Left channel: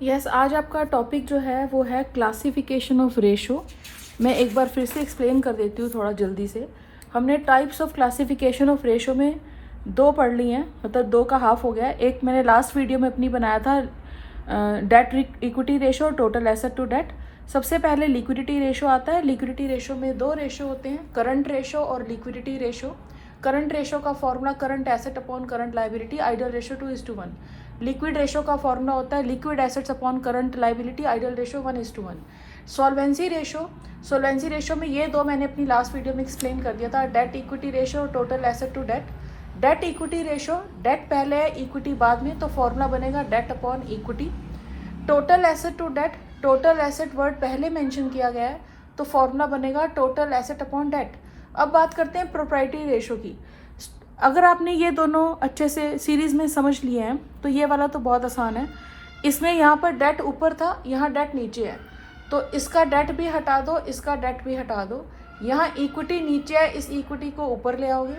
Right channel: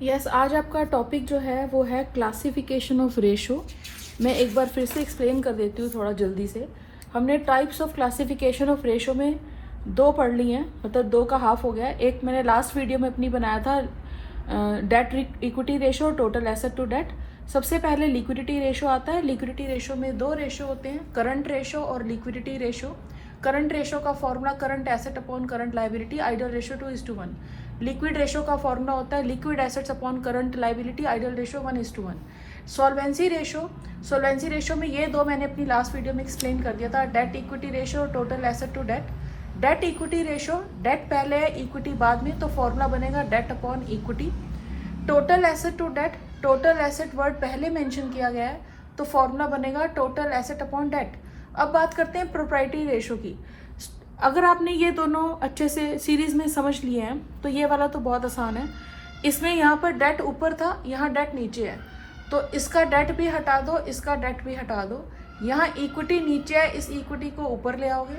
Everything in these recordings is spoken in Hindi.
यस, आज आपका टॉपिक जो है वो है क्लासिफिकेशन ऑफ रेशो। मैं एक बार फिर से एक्सप्लेन कर देती हूँ थोड़ा जल्दी से। हमने types of classification of ratio में दो पढ़ ली हैं, मतलब दो का हाफ हो गया है। एक मैंने लास्ट वीडियो में अपनी बनाया था डेट इक्विटी रेशो और टोटल एसेट टू डेट। सबसे पहले लिक्विडिटी रेशो आता है। लिक्विडिटी रेशो में दो रेशो होते हैं, करंट रेशो और लिक्विडिटी रेशो। करंट रेशो का formula current asset upon current liability, ideal ratio 2:1। Liquid ratio का फॉर्मूला होता है liquid assets upon current liability, ideal ratio 1:1। Solvency ratio में ये दो मैंने अपनी लास्ट वीडियो में एक्सप्लेन कर दिया था, डेट इक्विटी रेशो और total asset to debt. Debt equity ratio, debt पहले है इक्विटी बाद में, तो फॉर्मूला बनेगा debt upon equity. Total asset to debt, total asset word पहले मेंशन किया गया है, तो फॉर्मूला बनेगा टोटल एसेट अपॉन डेट। अब बात करते हैं प्रोप्राइटरी रेशो की। अगर आपने ये दोनों अच्छे से सीरीज में समझ लिए हैं तो ये वाला तो बहुत आसान है। इसमें यहाँ पर डेट ऊपर था, यहाँ डेट नीचे है, तो इसका डेट भी हटा दो, इसका डेट भी हटा दो। यहाँ इक्विटी नीचे है, इस इक्विटी को ऊपर ले आओगे।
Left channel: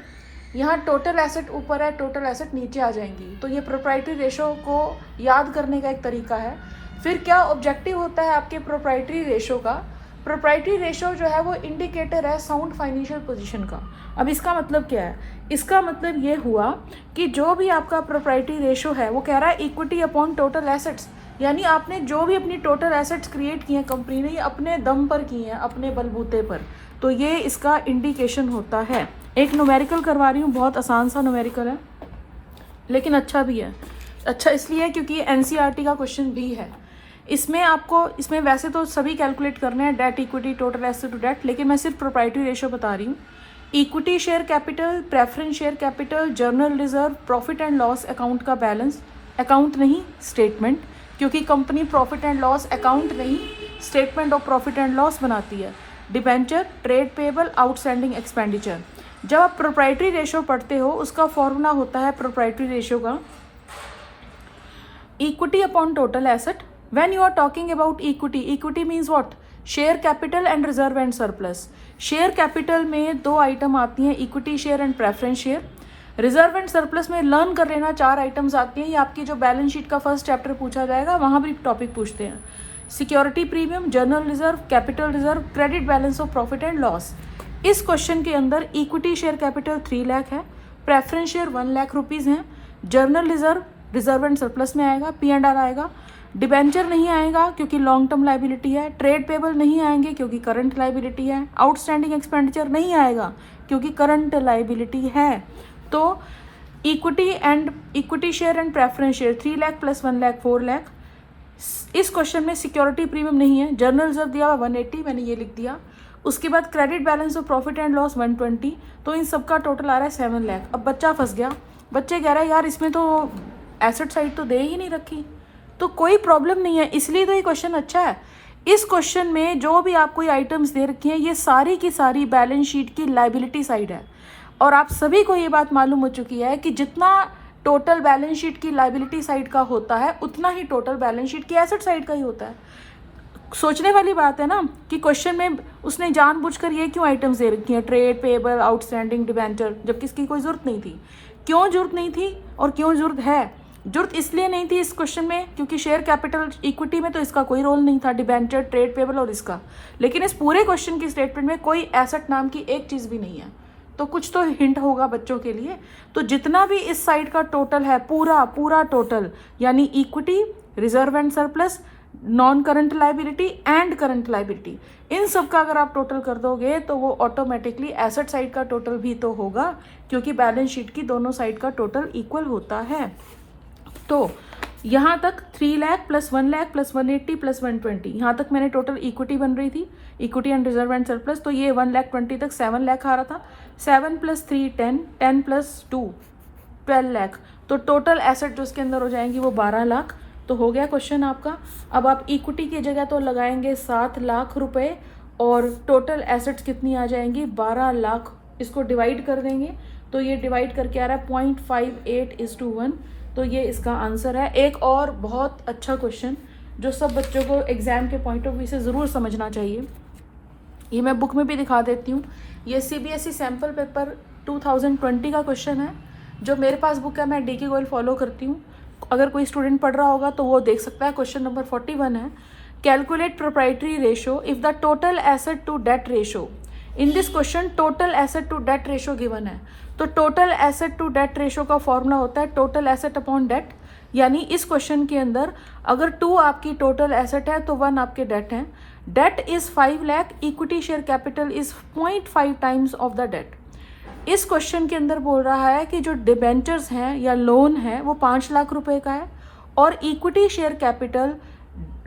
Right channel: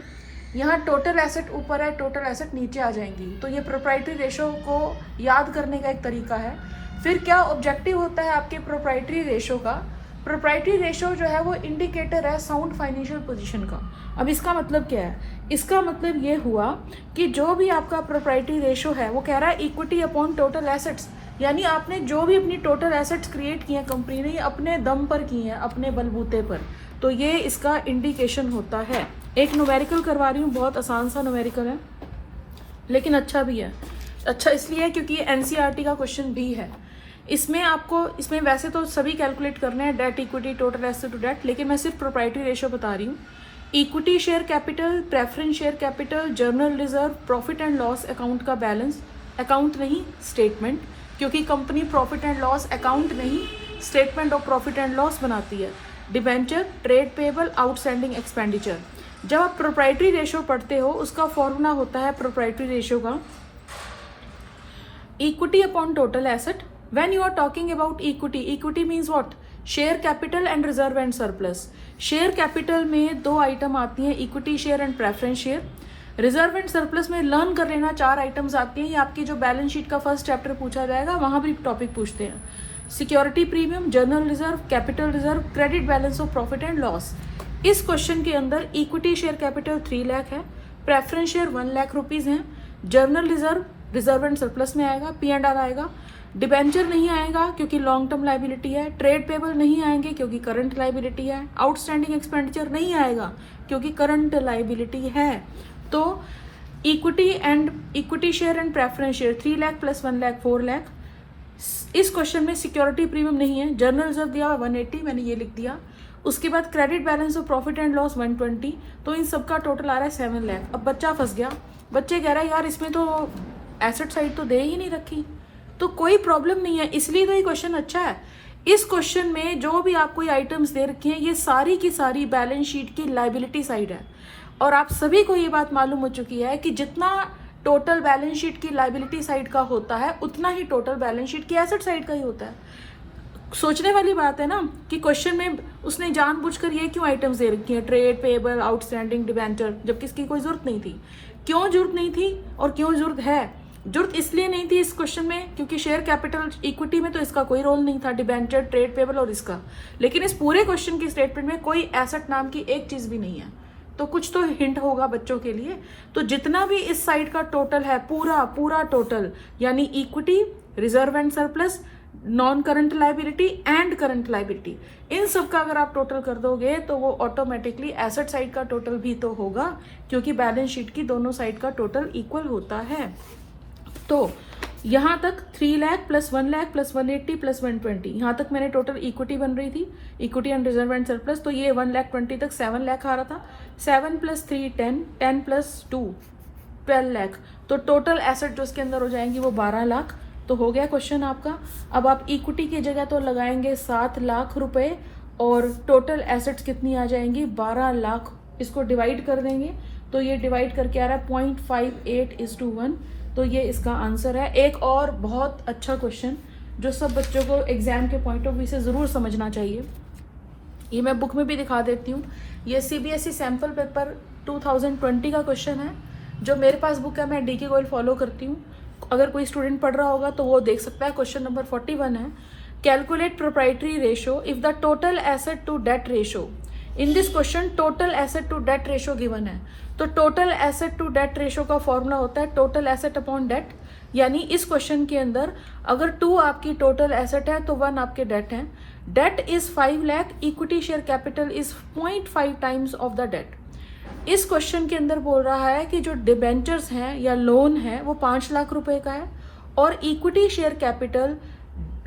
यहाँ टोटल एसेट ऊपर है, टोटल एसेट नीचे आ जाएंगी। तो ये प्रोप्राइटरी रेशो को याद करने का एक तरीका है। फिर क्या ऑब्जेक्टिव होता है आपके प्रोप्राइटरी रेशो का? प्रोप्राइटरी रेशो जो है वो इंडिकेटर है साउंड फाइनेंशियल पोजीशन का। अब इसका मतलब क्या है? इसका मतलब ये हुआ कि जो भी आपका प्रोप्राइटरी रेशो है वो कह रहा है इक्विटी अपॉन टोटल एसेट्स, यानी आपने जो भी अपनी टोटल एसेट्स क्रिएट किए हैं कंपनी ने, अपने दम पर की हैं, अपने बलबूते पर, तो ये इसका इंडिकेशन होता है। एक न्यूमेरिकल करवा रही हूँ, बहुत आसान सा न्यूमेरिकल है लेकिन अच्छा भी है। अच्छा इसलिए क्योंकि ये एनसीईआरटी का क्वेश्चन भी है। इसमें वैसे तो सभी कैलकुलेट करने हैं, debt equity total asset to debt, लेकिन मैं सिर्फ प्रोप्राइटरी रेशो बता रही हूँ। Equity share capital, preference share capital, general reserve, profit and loss account का बैलेंस, अकाउंट नहीं स्टेटमेंट, क्योंकि company profit and loss account नहीं statement of profit and loss बनाती है। Debenture, trade payable, outstanding expenditure. जब आप प्रोप्राइटरी रेशो पढ़ते हो उसका फॉर्मूला होता है प्रोप्राइटरी रेशो का equity upon total asset. When you are talking about equity means what? Share capital and reserve and surplus. Share capital में दो आइटम आती हैं, equity share and preference share. Reserve and surplus में लर्न कर लेना, चार आइटम्स आती हैं। ये आपकी जो बैलेंस शीट का फर्स्ट चैप्टर पूछा जाएगा वहां भी टॉपिक पूछते हैं। Security premium, journal reserve, capital reserve, credit balance of profit and loss. इस क्वेश्चन के अंदर इक्विटी शेयर कैपिटल 3 लाख है, प्रेफरेंस शेयर 1 लाख रुपीज है, journal reserve reserve and surplus में आएगा, P&R आएगा। डिबेंचर नहीं आएगा क्योंकि लॉन्ग टर्म लाइबिलिटी है। ट्रेड पेबल नहीं आएंगे क्योंकि करंट लाइबिलिटी है। आउटस्टैंडिंग एक्सपेंडिचर नहीं आएगा क्योंकि करंट लाइबिलिटी है। तो equity share and preference share 3 lakh plus 1 lakh 4 lakh. इस क्वेश्चन में सिक्योरिटी प्रीमियम नहीं है, जर्नल रिजर्व दिया 180, मैंने ये लिख दिया। उसके बाद credit balance of profit and loss 120, तो इन सबका टोटल आ रहा है 7 लाख। अब बच्चा फंस गया, बच्चे कह रहा है यार इसमें तो एसेट साइड तो दे ही नहीं रखी। तो कोई प्रॉब्लम नहीं है, इसलिए तो ये क्वेश्चन अच्छा है। इस क्वेश्चन में जो भी आपको आइटम्स दे रखी हैं ये सारी की सारी बैलेंस शीट की लाइबिलिटी साइड है। और आप सभी को ये बात मालूम हो चुकी है कि जितना टोटल बैलेंस शीट की लाइबिलिटी साइड का होता है उतना ही टोटल बैलेंस शीट की एसेट साइड का ही होता है। सोचने वाली बात है ना कि क्वेश्चन में उसने जानबूझकर ये क्यों आइटम्स दे रखी हैं, ट्रेड पेबल, आउटस्टैंडिंग, डिबेंचर, जबकि इसकी कोई जरूरत नहीं थी। क्यों जरूरत नहीं थी और क्यों जरूरत है? जरूरत इसलिए नहीं थी इस क्वेश्चन में क्योंकि शेयर कैपिटल इक्विटी में तो इसका कोई रोल नहीं था, डिबेंचर, ट्रेड पेबल और इसका। लेकिन इस पूरे क्वेश्चन की स्टेटमेंट में कोई एसेट नाम की एक चीज भी नहीं है, तो कुछ तो हिंट होगा बच्चों के लिए। तो जितना भी इस साइड का टोटल है, पूरा टोटल, यानी equity, reserve and surplus, non current liability and current liability, इन सब का अगर आप टोटल कर दोगे तो वो ऑटोमेटिकली एसेट साइड का टोटल भी तो होगा, क्योंकि बैलेंस शीट की दोनों साइड का टोटल इक्वल होता है। तो यहाँ तक 3 lakh plus 1 lakh plus 180 plus 120, यहाँ तक मैंने टोटल इक्विटी बन रही थी, equity and reserve and surplus. तो ये 1,20,000 तक 7 लाख आ रहा था। 7 प्लस 3 10, 10 प्लस 2 12 लाख। तो टोटल एसेट जो उसके अंदर हो जाएंगी वो 12 लाख। तो हो गया क्वेश्चन आपका। अब आप इक्विटी की जगह तो लगाएंगे 7 लाख रुपए और टोटल एसेट्स कितनी आ जाएंगी? 12 लाख। इसको डिवाइड कर देंगे तो ये डिवाइड करके आ रहा है 0.58:1। तो ये इसका आंसर है। एक और बहुत अच्छा क्वेश्चन जो सब बच्चों को एग्जाम के पॉइंट ऑफ व्यू से ज़रूर समझना चाहिए, ये मैं बुक में भी दिखा देती हूँ। ये CBSE सैम्पल पेपर 2020 का क्वेश्चन है। जो मेरे पास बुक है मैं DK गोयल फॉलो करती हूँ। अगर कोई स्टूडेंट पढ़ रहा होगा तो वो देख सकता है। क्वेश्चन नंबर 41 है, calculate proprietary ratio if the total asset to debt ratio. In this question total asset to debt ratio given है। तो total asset to debt ratio का फॉर्मूला होता है टोटल एसेट अपॉन डेट। यानी इस क्वेश्चन के अंदर अगर 2 आपकी टोटल एसेट है तो 1 आपके डेट है। Debt is 5 lakh, equity share capital is 0.5 times of the debt. इस क्वेश्चन के अंदर बोल रहा है कि जो डिबेंचर्स हैं या लोन है वो 5 लाख रुपए का है और इक्विटी शेयर कैपिटल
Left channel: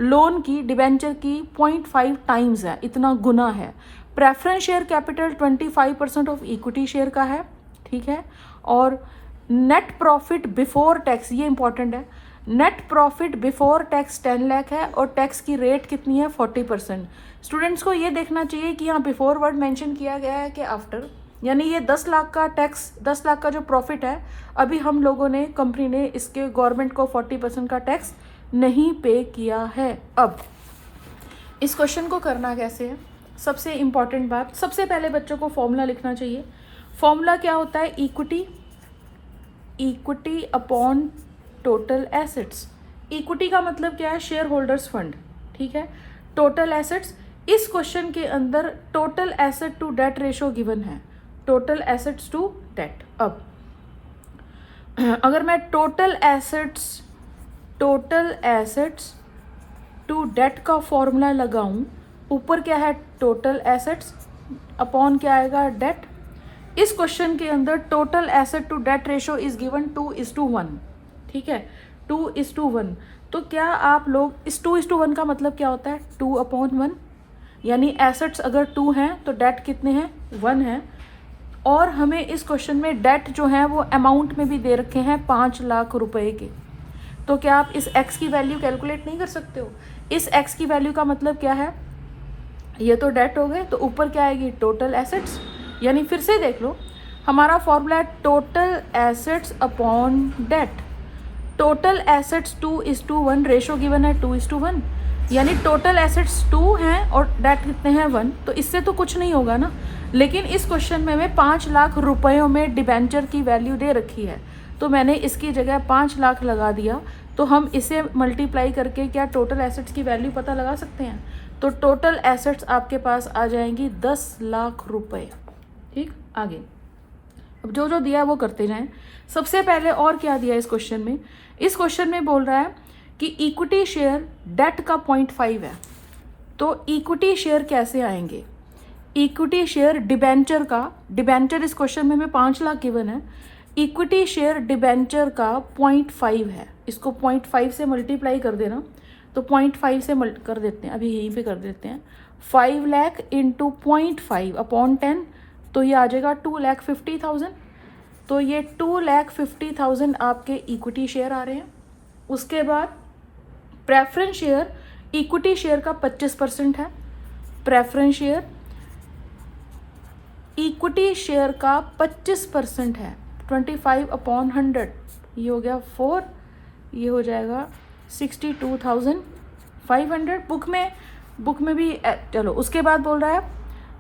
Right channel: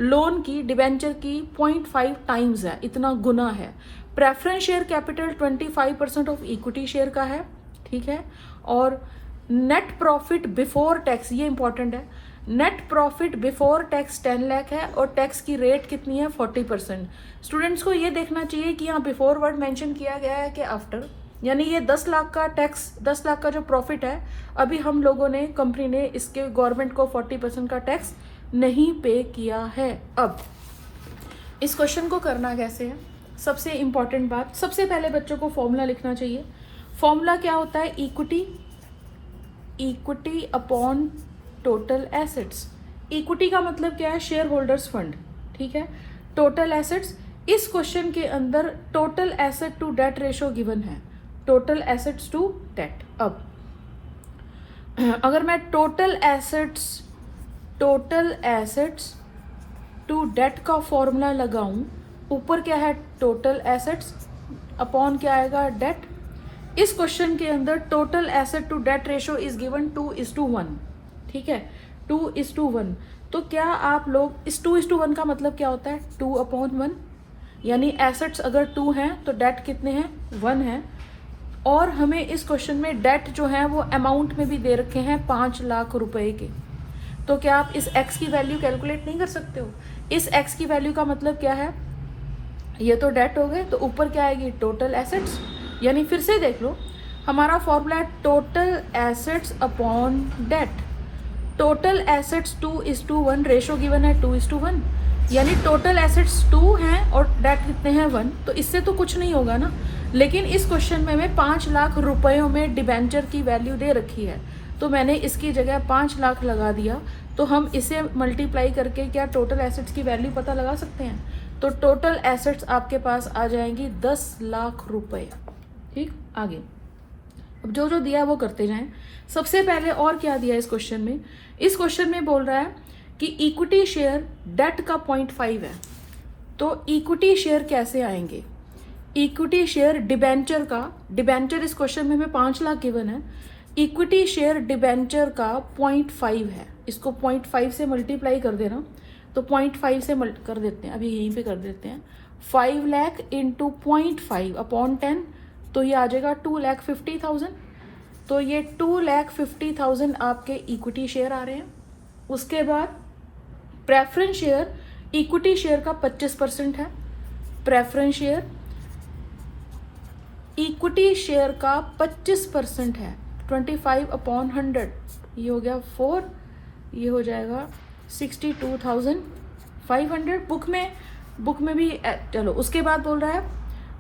लोन की डिबेंचर की 0.5 टाइम्स है, इतना गुना है। Preference share capital 25% of equity share का है, ठीक है। और नेट प्रॉफिट बिफोर टैक्स, ये इंपॉर्टेंट है, net profit before tax 10 lakh है और टैक्स की रेट कितनी है 40%। स्टूडेंट्स को ये देखना चाहिए कि यहाँ बिफोर वर्ड मेंशन किया गया है कि आफ्टर, यानी ये 10 लाख का टैक्स, 10 लाख का जो प्रॉफिट है अभी हम लोगों ने, कंपनी ने इसके गवर्नमेंट को 40% का टैक्स नहीं पे किया है। अब इस क्वेश्चन को करना कैसे है, सबसे इंपॉर्टेंट बात, सबसे पहले बच्चों को फॉर्मूला लिखना चाहिए। फॉर्मूला क्या होता है, equity upon total assets. Equity का मतलब क्या है, शेयर होल्डर्स फंड, ठीक है। टोटल एसेट्स, इस क्वेश्चन के अंदर total asset to debt ratio given है, टोटल एसेट्स टू डेट। अब अगर मैं टोटल एसेट्स टू डेट का फॉर्मूला लगाऊं, ऊपर क्या है टोटल एसेट्स, अपॉन क्या आएगा डेट। इस क्वेश्चन के अंदर total asset to debt ratio is given 2:1, ठीक है, 2:1। तो क्या आप लोग, इस 2:1 का मतलब क्या होता है, 2/1, यानी एसेट्स अगर 2 हैं तो डेट कितने हैं, 1 है। और हमें इस क्वेश्चन में डेट जो है वो अमाउंट में भी दे रखे हैं 5 लाख रुपए के। तो क्या आप इस एक्स की वैल्यू कैलकुलेट नहीं कर सकते हो? इस एक्स की वैल्यू का मतलब क्या है, ये तो डेट हो गए, तो ऊपर क्या आएगी टोटल एसेट्स। यानी फिर से देख लो, हमारा फॉर्मूला है total assets upon debt. Total assets 2:1, ratio given है 2:1, यानी टोटल एसेट्स 2 हैं और डेट कितने हैं 1, तो इससे तो कुछ नहीं होगा ना। लेकिन इस क्वेश्चन में हमें 5 लाख रुपयों में डिबेंचर की वैल्यू दे रखी है, तो मैंने इसकी जगह 5 लाख लगा दिया। तो हम इसे मल्टीप्लाई करके क्या टोटल एसेट्स की वैल्यू पता लगा सकते हैं। तो टोटल एसेट्स आपके पास आ जाएंगी 10 लाख रुपए, ठीक। आगे अब जो जो दिया वो करते जाएं। सबसे पहले और क्या दिया इस क्वेश्चन में, इस क्वेश्चन में बोल रहा है कि इक्विटी शेयर डेट का 0.5 है। तो इक्विटी शेयर कैसे आएंगे, इक्विटी शेयर डिबेंचर का, डिबेंचर इस क्वेश्चन में 5 लाख गिवन है, इक्विटी शेयर डिबेंचर का 0.5 है। इसको 0.5 से मल्टीप्लाई कर देना, तो 0.5 से कर देते हैं, अभी यहीं पे कर देते हैं, 5 लाख इंटू 0.5 अपॉन 10, तो ये आ जाएगा 2,50,000। तो ये 2,50,000 आपके इक्विटी शेयर आ रहे हैं। उसके बाद प्रेफरेंस शेयर, इक्विटी शेयर का 25% है, प्रेफरेंस शेयर इक्विटी शेयर का 25% है, 25/100, ये हो गया 4, ये हो जाएगा 62,500। बुक में भी चलो। उसके बाद बोल रहा है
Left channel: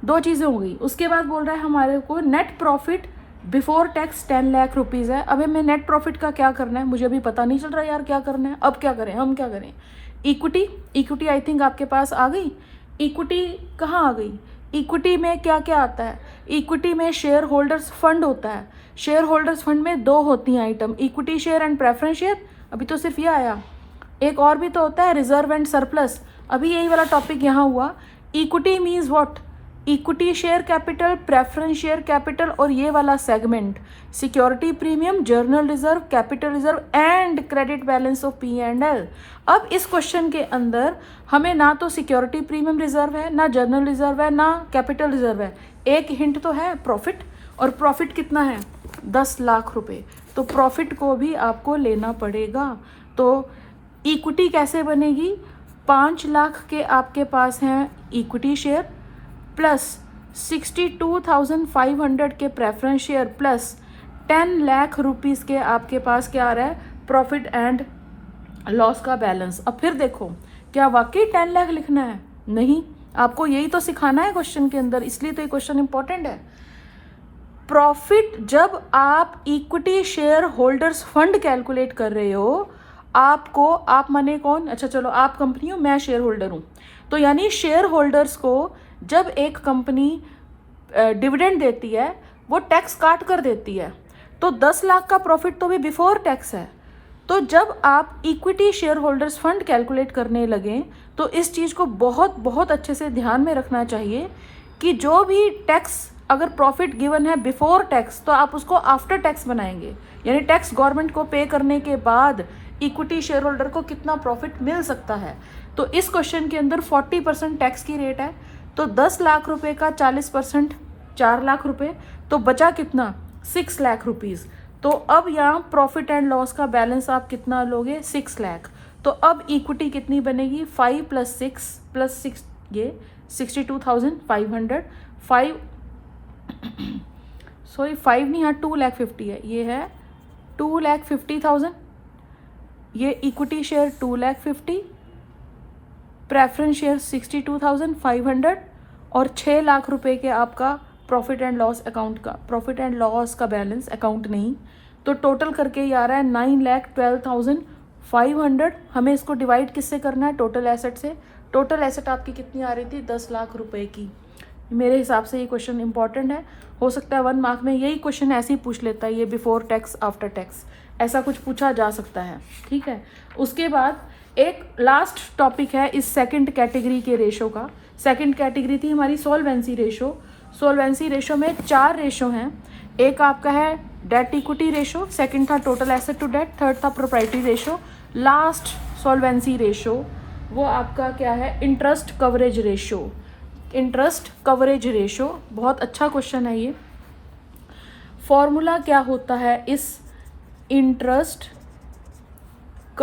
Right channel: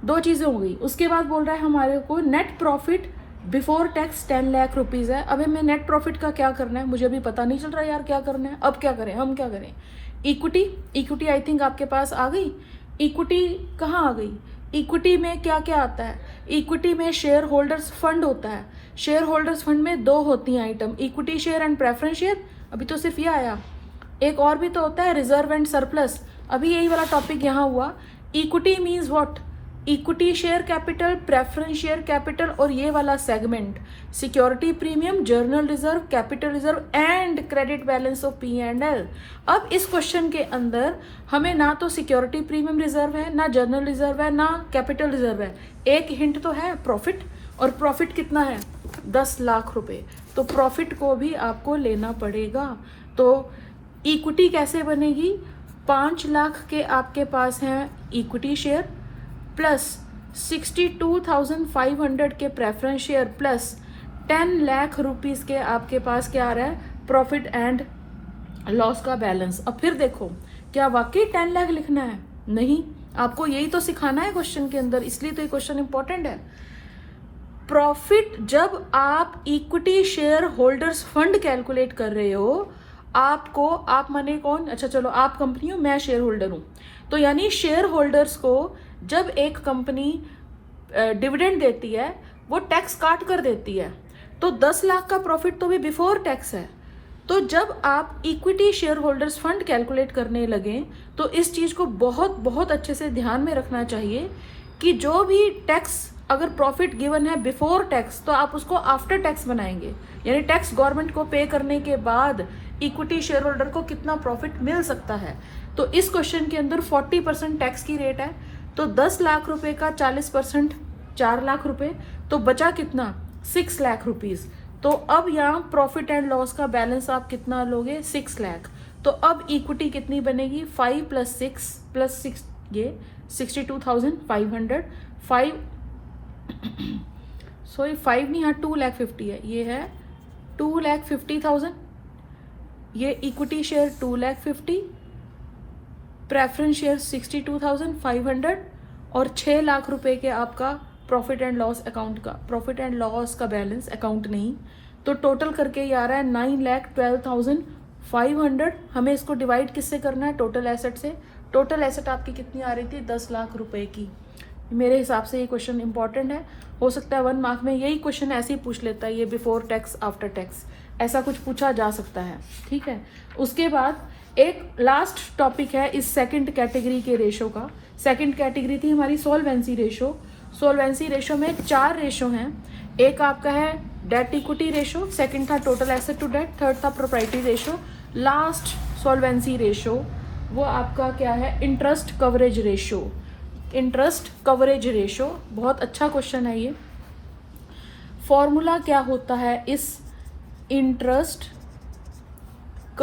2 चीज़ें हो गई। उसके बाद बोल रहा है हमारे को net profit before tax 10 lakh rupees है। अब हमें नेट प्रॉफिट का क्या करना है, मुझे अभी पता नहीं चल रहा यार क्या करना है। अब क्या करें, हम क्या करें, इक्विटी आई थिंक आपके पास आ गई। इक्विटी कहाँ आ गई, इक्विटी में क्या क्या आता है, इक्विटी में शेयर होल्डर्स फंड होता है। शेयर होल्डर्स फंड में 2 होती हैं item, equity share and preference share. अभी तो सिर्फ ये आया, एक और भी तो होता है रिजर्व एंड सरप्लस। अभी यही वाला टॉपिक यहाँ हुआ। Equity means what, equity share capital, preference share capital और ये वाला segment security premium, journal reserve, capital reserve and credit balance of P&L। अब इस क्वेश्चन के अंदर हमें ना तो सिक्योरिटी प्रीमियम रिजर्व है, ना जर्नल रिजर्व है, ना कैपिटल रिजर्व है। एक हिंट तो है प्रॉफिट, और प्रॉफिट कितना है 10 लाख रुपए। तो प्रॉफिट को भी आपको लेना पड़ेगा। तो इक्विटी कैसे बनेगी, 5 लाख के आपके पास हैं इक्विटी शेयर प्लस 62,500 के preference share plus 10 lakh rupees के आपके पास क्या आ रहा है, प्रॉफिट एंड लॉस का बैलेंस। अब फिर देखो, क्या वाकई 10 लाख लिखना है, नहीं, आपको यही तो सिखाना है क्वेश्चन के अंदर, इसलिए तो ये क्वेश्चन इंपॉर्टेंट है। प्रॉफिट जब आप equity share holders fund calculate कर रहे हो आपको, आप माने कौन, अच्छा चलो आप कंपनी हो, मैं शेयर होल्डर हूँ, तो यानी शेयर होल्डर्स को जब एक कंपनी डिविडेंड देती है वो टैक्स काट कर देती है, तो 10 लाख का प्रॉफिट तो भी बिफोर टैक्स है। तो जब आप equity share holders fund calculate करने लगे तो इस चीज़ को बहुत बहुत अच्छे से ध्यान में रखना चाहिए कि जो भी टैक्स, अगर प्रॉफिट गिवन है बिफोर टैक्स तो आप उसको आफ्टर टैक्स बनाएंगे, यानी टैक्स गवर्नमेंट को पे करने के बाद इक्विटी शेयर होल्डर को कितना प्रॉफिट मिल सकता है। तो इस क्वेश्चन के अंदर 40% टैक्स की रेट है, तो 10 लाख रुपए का 40% 4 लाख रुपए, तो बचा कितना 6 लाख रुपीज। तो अब यहाँ प्रॉफिट एंड लॉस का बैलेंस आप कितना लोगे 6 लाख। तो अब इक्विटी कितनी बनेगी 5 + 6 ये 62,500, 5 सॉरी 5 नहीं, यहाँ 2,50,000 है, ये है 2,50,000, ये इक्विटी शेयर 2,50,000, प्रेफरेंस शेयर 62,500 और 6 लाख रुपए के आपका प्रॉफिट एंड लॉस अकाउंट का, प्रॉफिट एंड लॉस का बैलेंस, अकाउंट नहीं, तो टोटल करके ये आ रहा है 9,12,500। हमें इसको डिवाइड किससे करना है, टोटल एसेट से। टोटल एसेट आपकी कितनी आ रही थी 10 लाख रुपए की। मेरे हिसाब से ये क्वेश्चन इंपॉर्टेंट है, हो सकता है 1 मार्क में यही क्वेश्चन ऐसे ही पूछ लेता है, ये बिफोर टैक्स आफ्टर टैक्स ऐसा कुछ पूछा जा सकता है, ठीक है। उसके बाद एक लास्ट टॉपिक है इस सेकंड कैटेगरी के रेशो का। सेकंड कैटेगरी थी हमारी सॉल्वेंसी रेशो। सॉल्वेंसी रेशो में 4 रेशो हैं। एक आपका है डेट इक्विटी रेशो, सेकंड था total asset to debt, third था proprietary ratio, last solvency ratio वो आपका क्या है, interest coverage ratio. Interest coverage ratio बहुत अच्छा क्वेश्चन है ये। फॉर्मूला क्या होता है इस इंटरेस्ट